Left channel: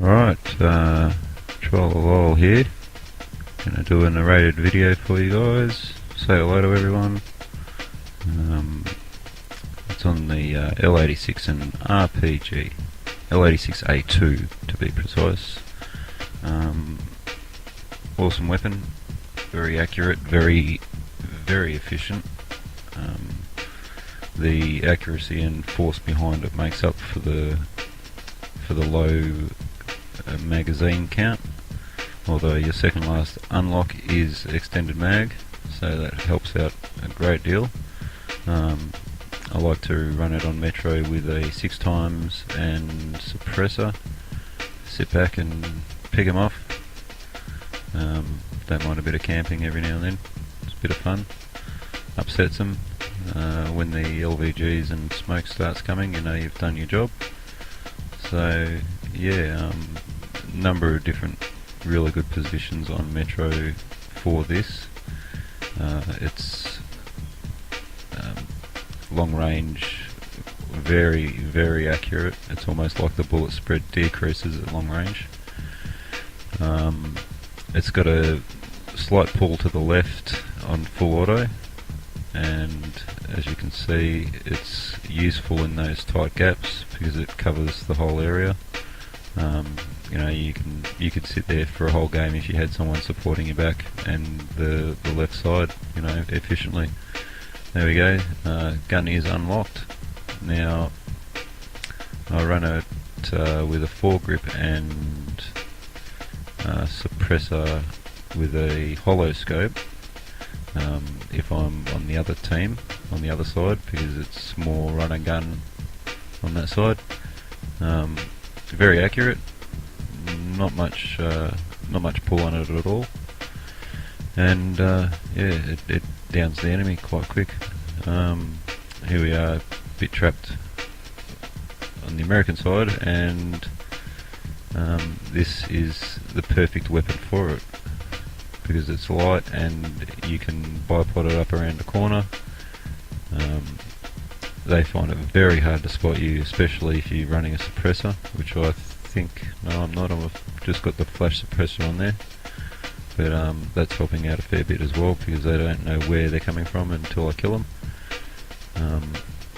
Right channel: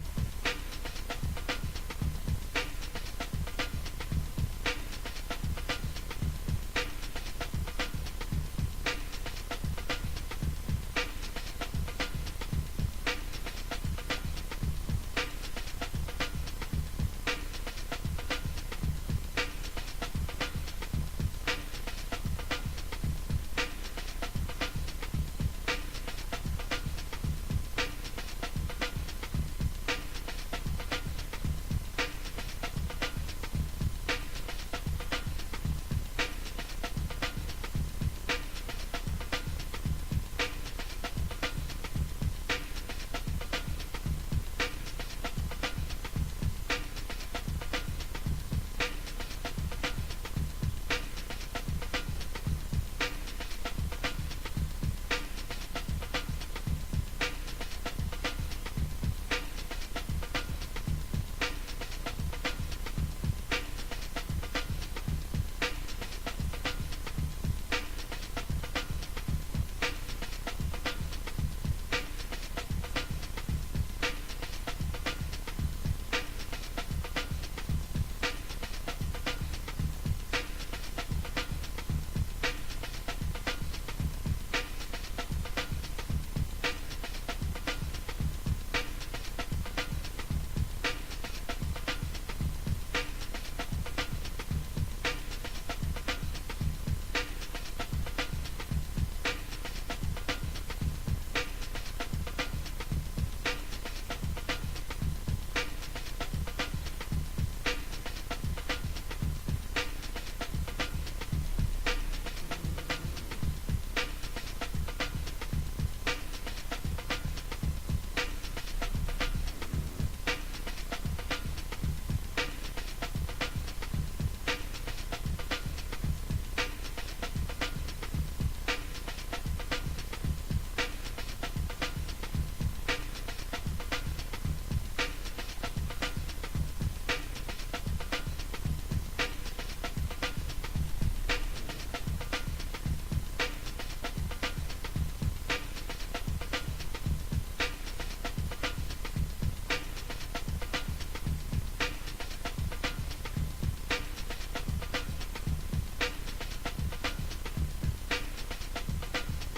Right, Troll-a-lol here. Gonna do a narrated video for you guys. Say hello to everyone. It's on the L86 and RPG. L86A2 to be precise. Awesome weapon. Very accurate, very efficient. The accuracy and force behind it makes up for the low magazine count, although your second last unlock is extended mag, so that helps out a great deal. I like to run it on Metro with a 6x and suppressor. Sit back and pick them off. Don't mind a bit of camping every now and then. It's a bit of fun. Upsets them. When the LVGs and smoke starts coming, you know you've done your job. So yeah, number of different really good positions on Metro for this. It's long range, very accurate. It's almost like the bullet spread decreases at long range. It's got a slight pull to the left on full auto, and as you can see it's useful in those tight gaps because it covers the whole area. You know, you could sit there for a whole game if you had someone supporting your back and the left side, you know, efficiently. There we go. Gun is unlocked. Now I run it with a foregrip and suppressor with a hollow scope. If I'm on the other team, on the other side, because it's more run and gun on that side. Very accurate. Not much pull on it at all, and yeah, it downs the enemy quite quick. Here we are, a bit trapped on the American side, and this is the perfect weapon for it because it's light and you can bipod it up around the corner. They find it very hard to spot you, especially if you're running a suppressor, which I think, no I'm not, I've just got the flash suppressor on there, but that's helping out a fair bit as well because they don't know where they're coming from until I kill them.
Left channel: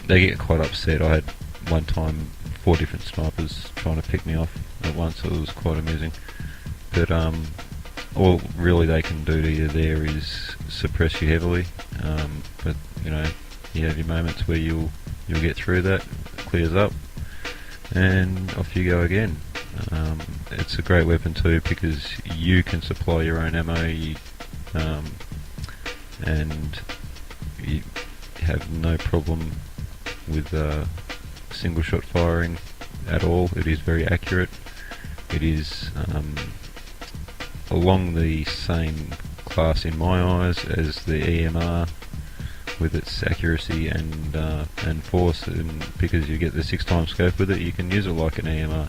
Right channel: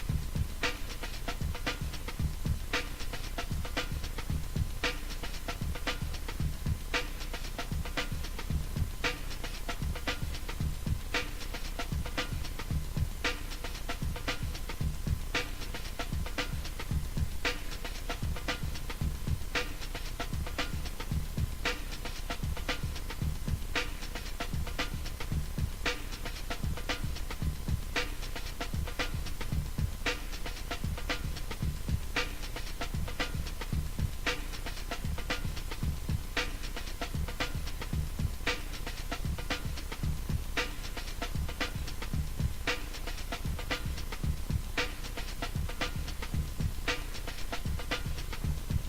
They get quite upset. I had one time 4 different snipers trying to pick me off at once. It was quite amusing, but all really they can do to you there is suppress you heavily, but you know, you have your moments where you'll get through that, clears up, and off you go again. It's a great weapon too because you can supply your own ammo, and you have no problem with single shot firing at all. It is very accurate. It is along the same class in my eyes as the EMR with its accuracy and force, and because you get the 6x scope with it, you can use it like an EMR.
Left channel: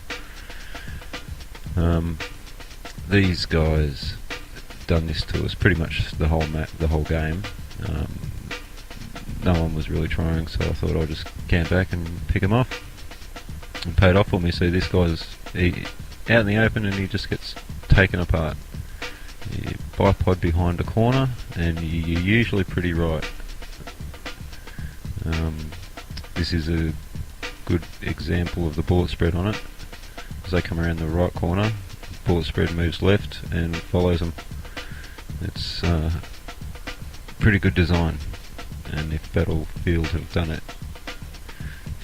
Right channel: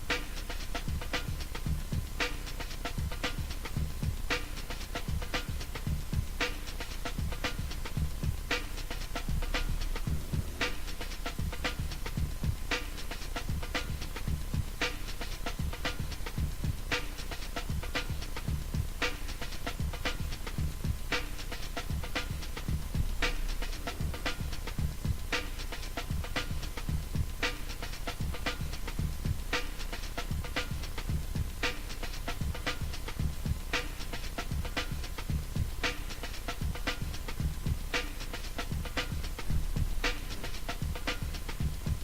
These guys done this to us pretty much the whole game. No one was really trying, so I thought I'd just camp back and pick them off. It paid off for me. See, this guy's out in the open and he just gets taken apart. You bipod behind a corner and you're usually pretty right. This is a good example of the bullet spread on it. As they come around the right corner, bullet spread moves left and follows them. It's pretty good design, and if Battlefield have done it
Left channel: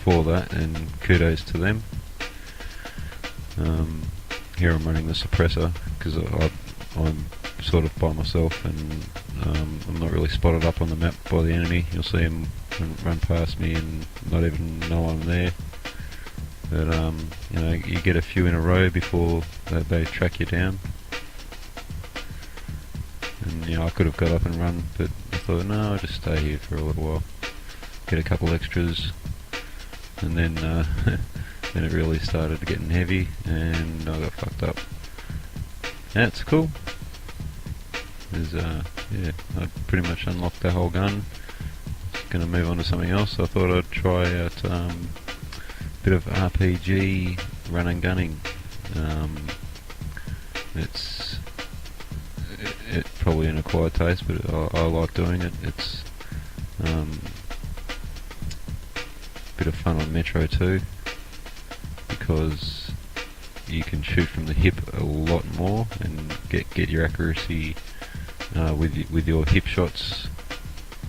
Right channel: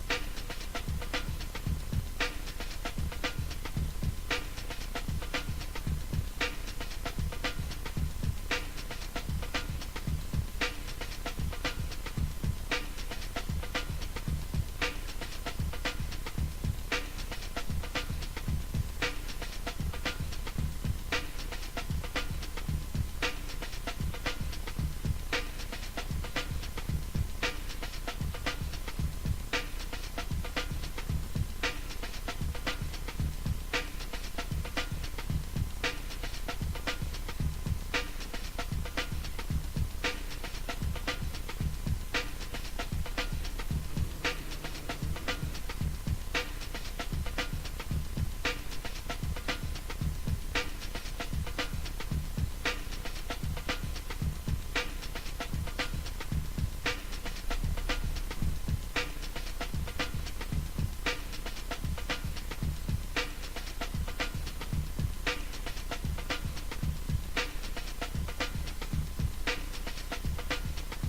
for that, and kudos to them. Here I'm running the suppressor because I'm sort of by myself and I'm not really spotted up on the map by the enemy. You'll see them run past me and not even know I'm there. But you know, you get a few in a row before they track you down. And you know, I could have got up and run, but I thought, no, I'll just stay here for a little while, get a couple extras, and then then it really started getting heavy, and I got fucked up. That's cool. Yeah, I pretty much unlocked the whole gun. Gonna move on to something else. I thought I'd try out a bit of RPG run and gunning. probably an acquired taste, but I like doing it. It's a bit of fun on Metro too, because you can shoot from the hip a lot more and get your accuracy with your hip shots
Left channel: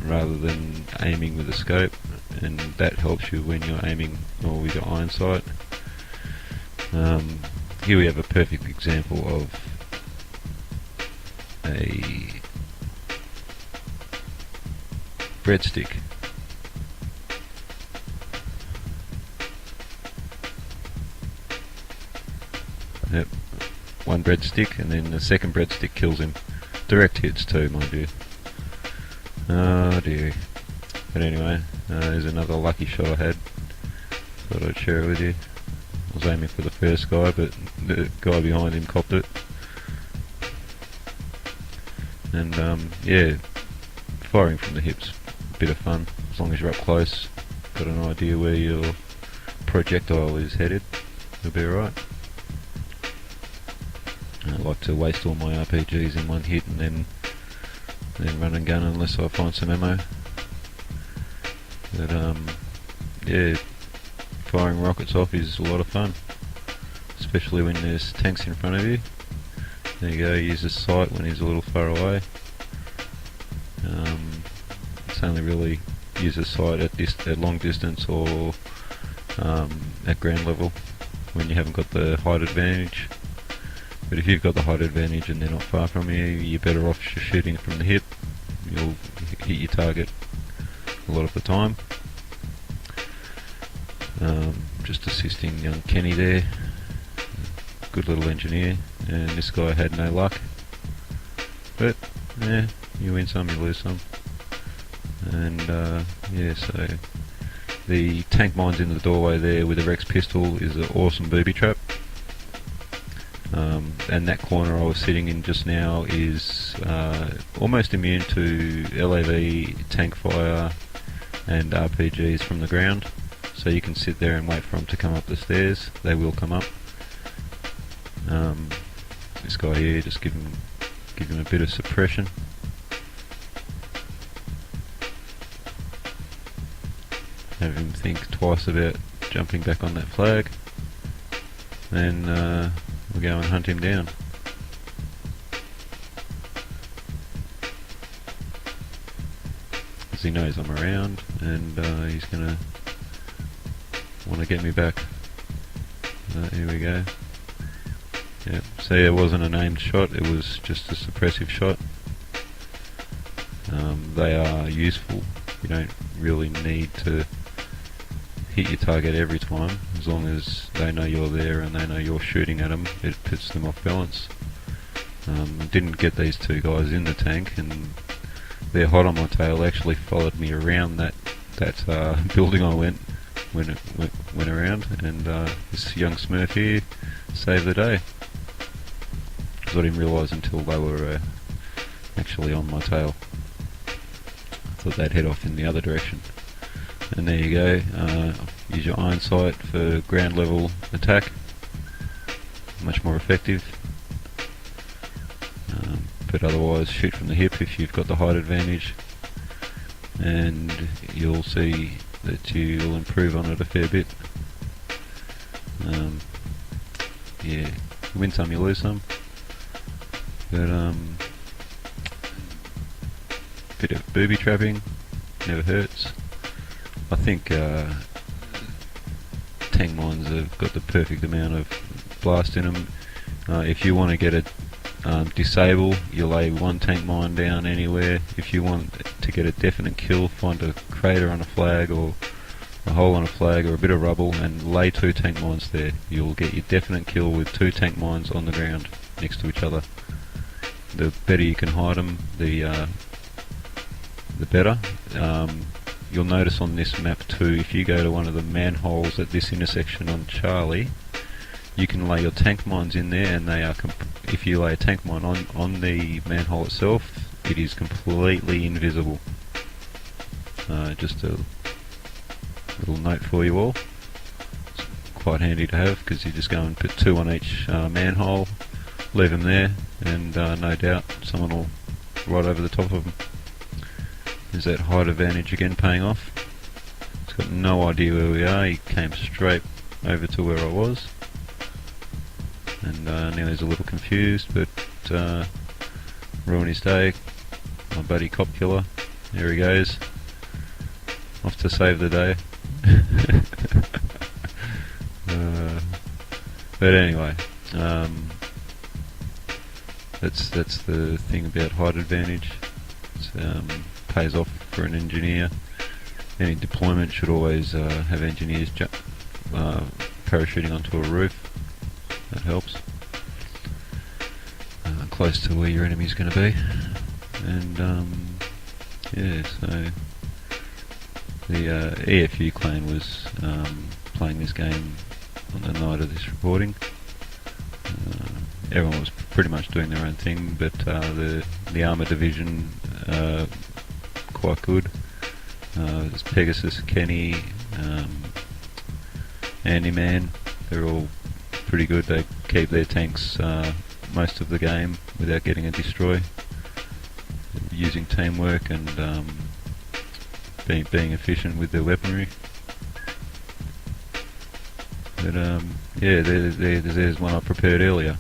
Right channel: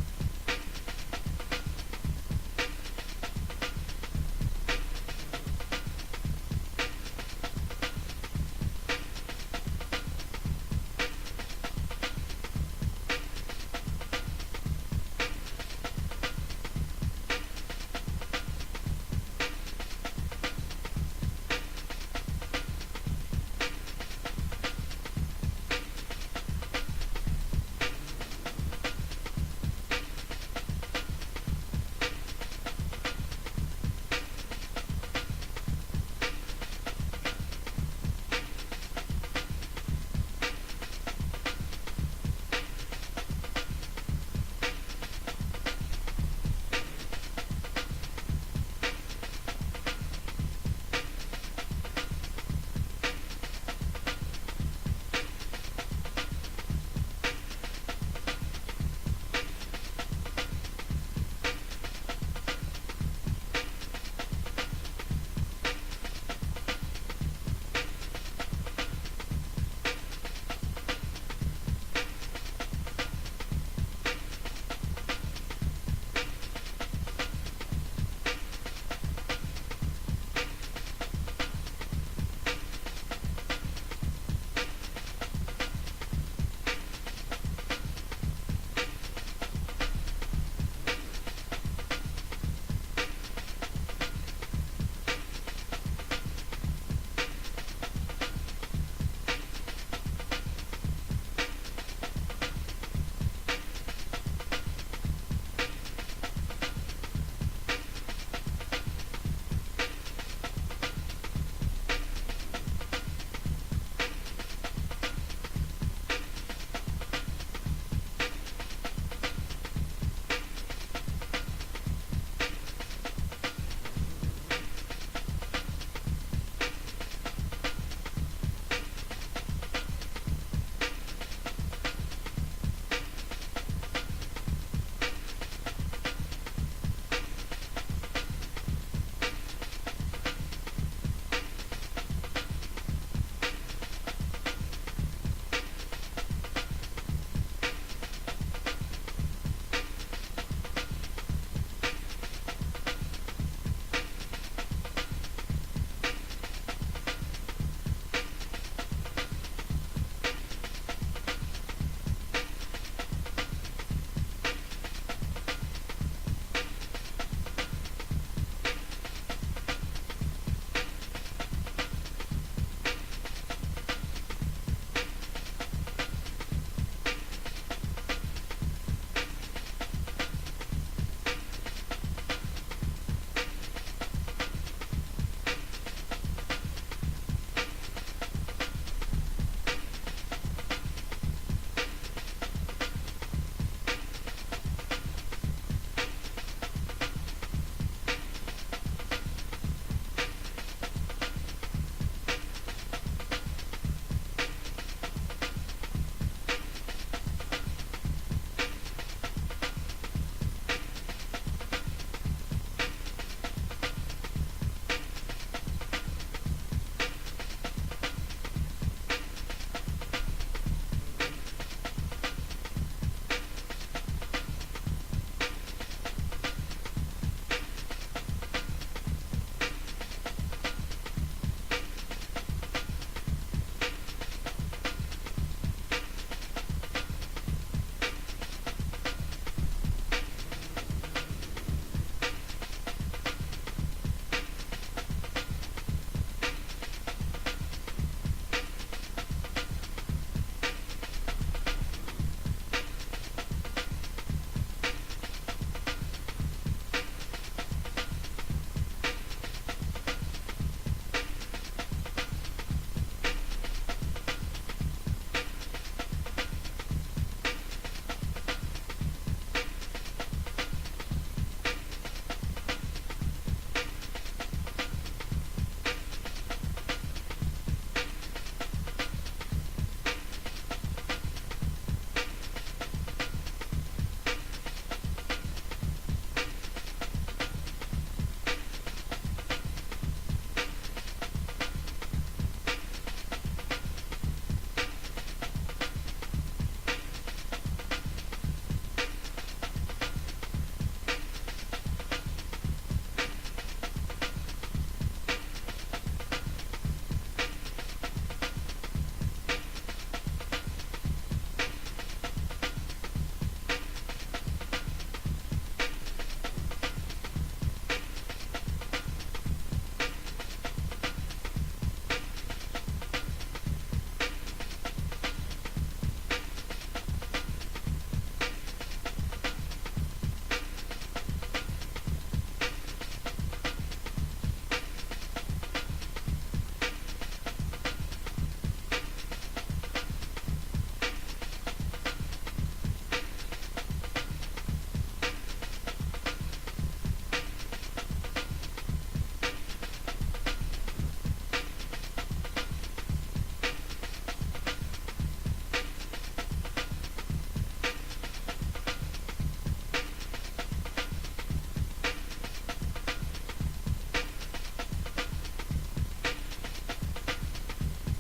rather than aiming with a scope, and that helps you when you're aiming more with your iron sight. Here we have a perfect example of a breadstick. Yep, one breadstick, and then the second breadstick kills him. Direct hits too, mind you. Oh dear. But anyway, there's another lucky shot I had. Thought I'd share it with you. I was aiming for the first guy, but the guy behind him copped it. And yeah, firing from the hips, a bit of fun, as long as you're up close, got an idea where your projectile is headed, you'll be alright. I like to waste all my RPGs in one hit and then run and gun unless I find some ammo. But yeah, firing rockets off is a lot of fun, especially when there's tanks in front of you. There you go, use the sight when he's a little far away. It's only really use the sight at long distance or at ground level when you haven't got the height advantage. But if you've got the height advantage and they're not far from you, you're better off just shooting from the hip. You'll hit your target a lot of the time. Just assisting young Kenny there, good little engineer, and this guy had no luck. But yeah, you win some, you lose some. And yeah, so the tank mines in the doorway there with the Rex pistol is an awesome booby trap. And that corner I was sitting in just now is almost immune to LAV, tank fire and RPGs from the ground. So you can sit there and wait for them to come up the stairs. They will come up. This guy here, just give him a bit of suppression. Have him think twice about jumping back on that flag. Then we'll go and hunt him down. Because he knows I'm around, and he's going to want to get me back. Here we go. Yep. See, it wasn't an aimed shot, it was just a suppressive shot. They are useful. You don't really need to hit your target every time, as long as they know you're there and they know you're shooting at them. It puts them off balance. Didn't get these two guys in the tank, and they're hot on my tail. They actually followed me around that building I went around, and this young Smurf here saved the day. I didn't realise until they were actually on my tail. Thought they'd head off in the other direction. And there you go, use your iron sight for ground level attack, much more effective. But otherwise shoot from the hip if you've got the height advantage, and you'll see that you'll improve on it a fair bit. Yeah, you win some, you lose some. But bit of booby trapping never hurts. I think tank mines have got the perfect amount of blast in them. If you want to get it disable, you lay one tank mine down anywhere. If you want to get a definite kill, find a crater on a flag or a hole on a flag or a bit of rubble and lay two tank mines there. You'll get your definite kill with two tank mines on the ground next to each other. The better you can hide them, the better. You'll notice on this map too, if you go to one of the manholes at this intersection on Charlie, you can lay your tank mines in there, and they are if you lay a tank mine on the manhole itself, it is completely invisible. Just a little note for you all. It's quite handy to have, because you just go and put two on each manhole, leave them there, and no doubt someone will right over the top of him. There's that height advantage again paying off. He's got no idea where we are. He came straight over to where I was, and now he's a little confused, but ruined his day. My buddy cop killer, there he goes, off to save the day. But anyway, that's the thing about height advantage. It pays off for an engineer. Any deployment should always have engineers parachuting onto a roof. That helps. Close to where your enemy's going to be. And yeah, so the EFU clan was playing this game on the night of this recording. Everyone was pretty much doing their own thing, but the armour division quite good. There's Pegasus, Kenny, Andy Man. They're all pretty good. They keep their tanks most of the game without getting a destroy, using teamwork and being efficient with their weaponry. But yeah, there's one I prepared earlier.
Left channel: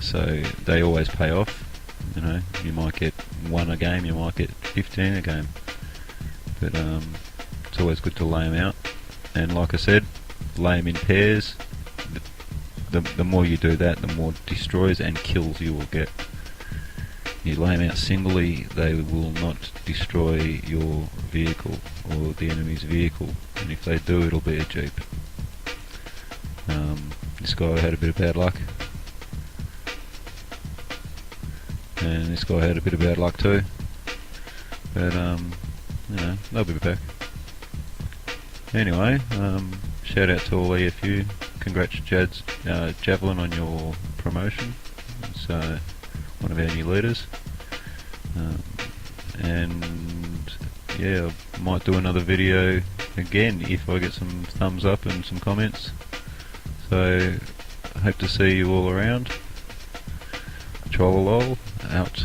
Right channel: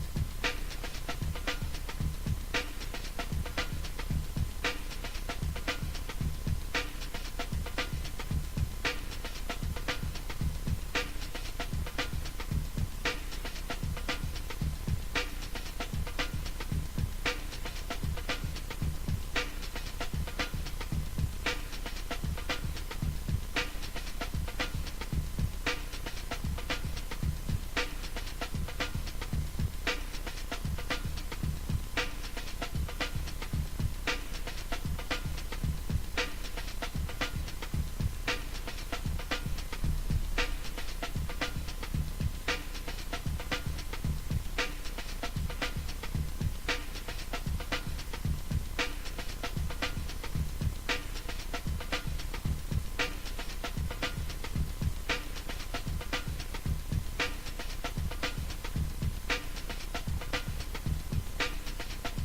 So they always pay off. You know, you might get 1 a game, you might get 15 a game, but it's always good to lay them out. And like I said, lay them in pairs. The more you do that, the more destroys and kills you will get. You lay them out singly, they will not destroy your vehicle or the enemy's vehicle, and if they do, it'll be a jeep. This guy had a bit of bad luck, and this guy had a bit of bad luck too, but you know, they'll be back. Anyway, shout out to all EFU. Congrats Javelin on your promotion. It's one of our new leaders. And yeah, I might do another video again if I get some thumbs up and some comments. So, hope to see you all around. Troll-a-lol, out.